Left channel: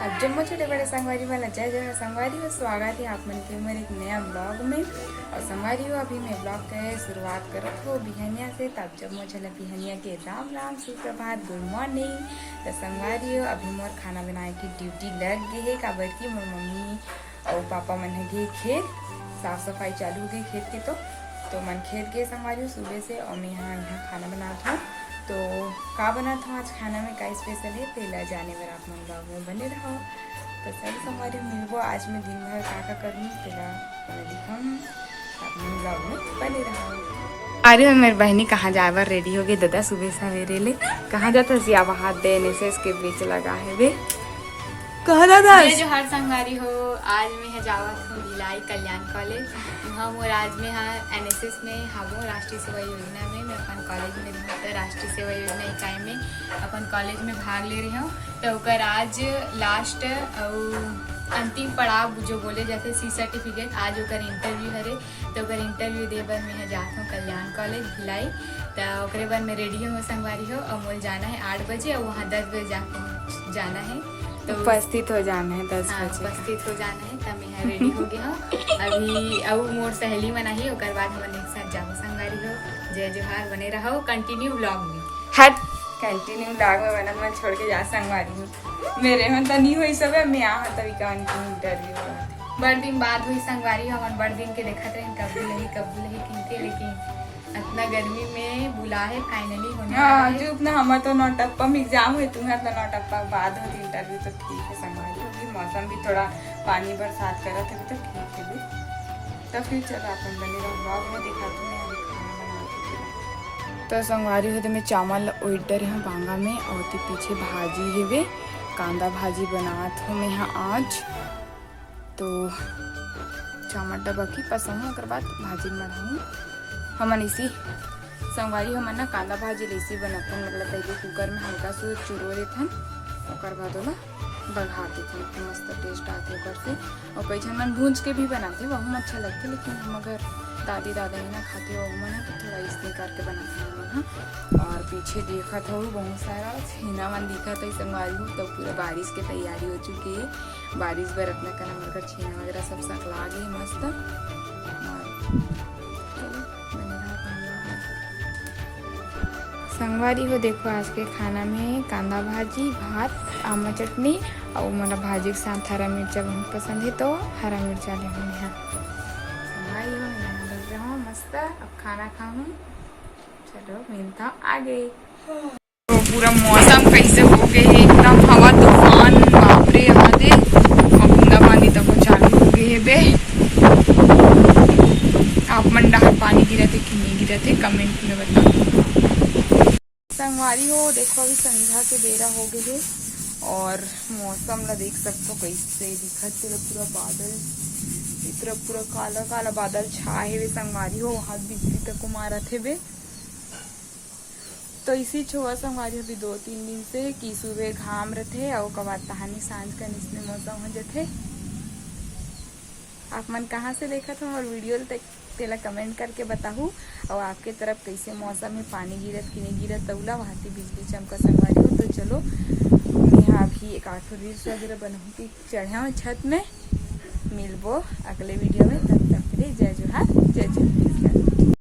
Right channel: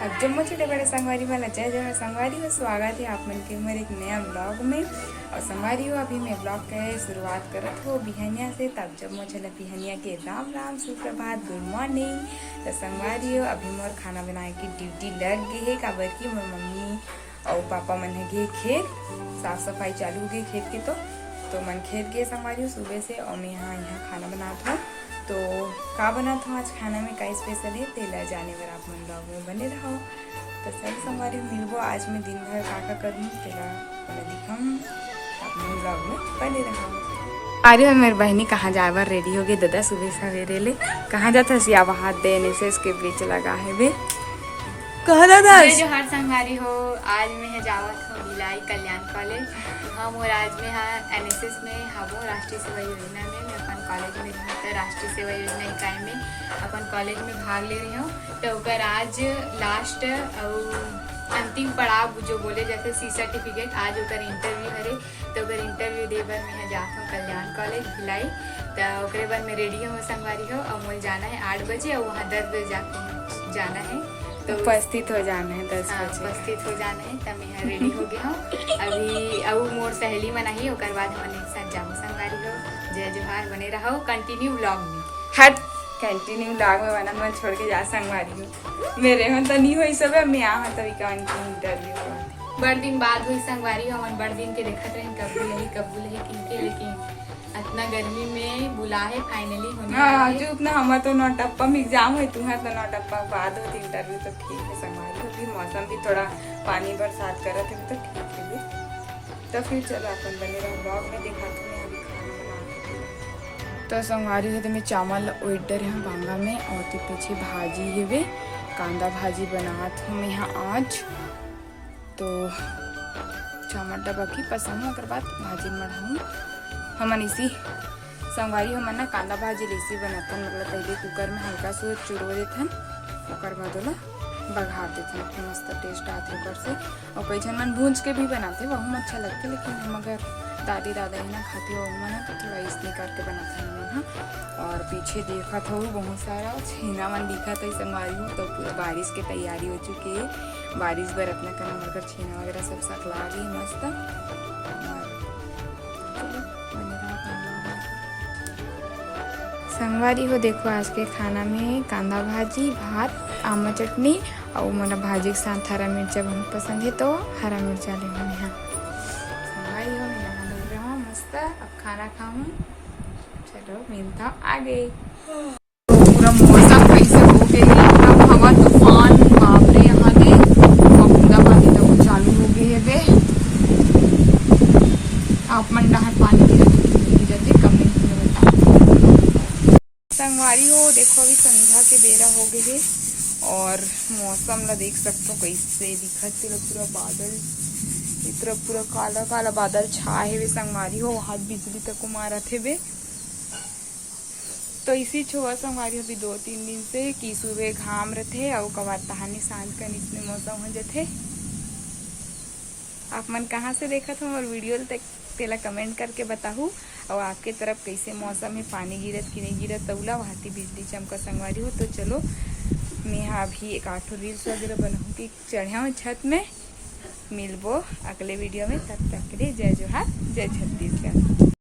अब जम्मू छोटे बड़े संगवारी वाला जय जय संगवारी हो। स्वागत है आप मन के हमारे एक नया ब्लॉग में। और संगवारी हो अभी मैं ब्लॉग के शुरुआत करत हो बिहनिया से। तब जम्मू चला बिहनिया के राम राम सुप्रभात गुड मॉर्निंग। तो संगवारी हो अभी मोर खाना बनाए की ड्यूटी लग गई है। काबर की मोर मम्मी और पापा मन है खेत साफ सफाई चालू हो गई खेत के। तो मन खेत गए संगवारी हो सुबह से। और मैं यहाँ खाना बनाता हूँ। तो का बनाता हूँ आज खाना में का स्पेशल है तेला जाने पर आप मन ब्लॉग में बने रहो। तो सर संगवारी मिलबो आज मैं दिन भर का करूँ तेला दिखाऊँ आप मन ब्लॉग में बने रहो। अरे मेरी बहनी कहाँ जाए बार रेडी हो गई दादा सुबह सवेरे ले कहाँ जाता सियावा हाथ दे एनएसएस के बीच लगा है बे कहा दादा जो हर संगवारी हो। आज मैं जावत हूँ भिलाई कल्याण कॉलेज। हम और आज में एनएसएस में हम राष्ट्रीय सेवा योजना में मैं अपन कॉलेज में रहूँ। तो राष्ट्रीय सेवा योजना इकाई में अपन कॉलेज में भाग ले रही हूँ। तो ओकर आज लास्ट और अंतिम पड़ाव जो बोले जाते सी सर्टिफिकेट आज ओकर इंटरव्यू हरे। तो ओकर इंटरव्यू दे बर मैं जाता हूँ कल्याण कॉलेज भिलाई। तो ओकरे बाद मैं रेडी हूँ संगवारी हो। और मोल जाना है 8 बजे और वहाँ 10 बजे जाकर जाना है। तो उपस्थित हो जाना है 10 बजे उपस्थित हो जाना है। तब मैं रेडी हो गया हूँ अभी। अब मोर सहेली मना ही ओकर बाद हम एक साथ जाओ संगवारी हो। जय जोहार बने रहो कंटिन्यू व्लॉग में। हट कंटिन्यू व्लॉग में बना मैं छोड़ के जा संगवारी हूँ। मेरे में तो नहीं हुई सब मैं यहाँ तभी का इंटरव्यू बड़ दिन बाद हुई संगवारी हो। हम बड़ दिन के देखते रहे कब बुलही किनके। लेकिन इतना गर्मी में बुला है फाइनली होने हाँ जो अपना हमारा तो नौटप्पा में एग्जाम हुई तुम्हारा तो नौटप्पा बाद होती इंटरव्यू। तो ठीक है संगवारी हो। भी मौसम भी थोड़ा पानी बरसात करा थे तो ठीक है भी। तो फिर चलो अपन बने रहो ब्लॉग में दिखाती हूँ अभी खाना बना। तो संगवारी हो तो मैं चावल ऑर्डर है बांगा में और तो पीछे भाजी है वे कांदा भाजी बनात हूँ मैं यहाँ आज। तो टमाटर बाकी पसंद हो बाद भाजी बढ़ाऊँ हमन इसी संगवारी हमन ना कांदा भाजी लेसी बनाथन। मतलब पहले कुकर में हल्का सा चुरो देथन ओकर बाद ओला बघार देथन मस्त टेस्ट आथे ओकर से। और कई झन मन भूंज के भी बनाते वह अच्छा लगते। लेकिन हम अगर दादी दादा ही ना खाते हो मन तो थोड़ा इसने करके बनाते हैं मन। और पीछे देखा था बहुत सारा छीना मन दिखा था संगवारी हो। तो पूरा बारिश के तैयारी हो चुकी है। बारिश बर अपना करना मगर छीना वगैरह सब सकला गई मस्त। और चलो बने रहा संगवारी हो। देखो आज के खाना में कांदा भाजी भात आमा चटनी और मोला भाजी के साथ हरा मिर्चा बहुत पसंद है तो हरा मिर्चा ले मैंने यहाँ संगवारी हो। मैं नहा लग रहा हूँ मस्त अब खाना खाऊँ। चलो मिलता आगे। तो पूरा मौसम कैसे हो गए है एकदम हवा तूफान बापरे यहाँ दे बूंदा पानी तो चालू हो गई है बे। आप मन डाल पानी गिरते कि नहीं गिरते कमेंट में बताओ संगवारी हो। देखो अभी संध्या के बेरा हो गए है और मौसम ला देख सकते हो कैसे दिखत पूरा बादल पूरा काला काला बादल छाए हुए संगवारी हो। वहां बिजली तक मारा थे बे। तो इसी छुआ संगवारी अभी 2-3 दिन से कि सुबह घाम रथे और कबार तहानी सांझ का इसमें मौसम हो जाते। आप मन कहाँ से देखा था और वीडियो तक तेला कमेंट करके बताहू। और आपके तरफ कैसे मौसम है पानी गिरत कि नहीं गिरत तौला वहां बिजली चमका संगवारी हो। तो चलो मैं यहाँ अभी एक 8 रील्स वगैरह बनाऊँ कि चढ़ा हूँ छत में। मिलबो अगले वीडियो में तब तक के लिए जय जोहार जय छत्तीसगढ़।